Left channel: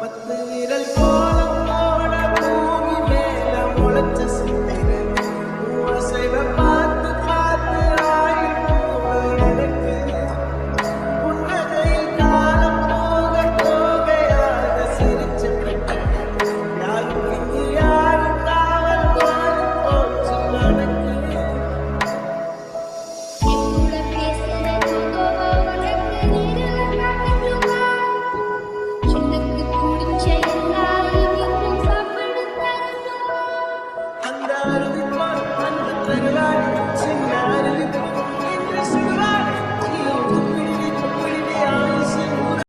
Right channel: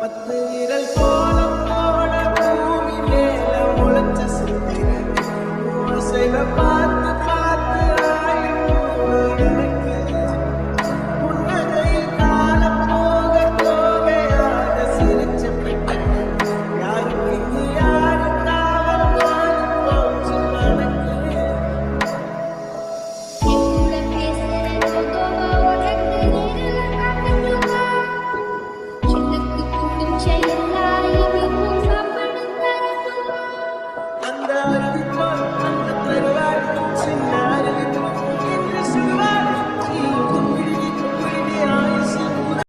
பத்து விரல் கோலம் போட பூமி மேல முளைச்ச சித்திரன் அசைவ பார்த்து பார்த்து ஆயுள் கூடு எனக்கு புன்னகையில் காலம் போக போகையாக சிரிச்ச பெட்டகன் யாருக்கு இது யாரு காவல் மாறி போச்சு கணக்கு அந்த அருவிப்பான் அந்த தருவாள் சின்ன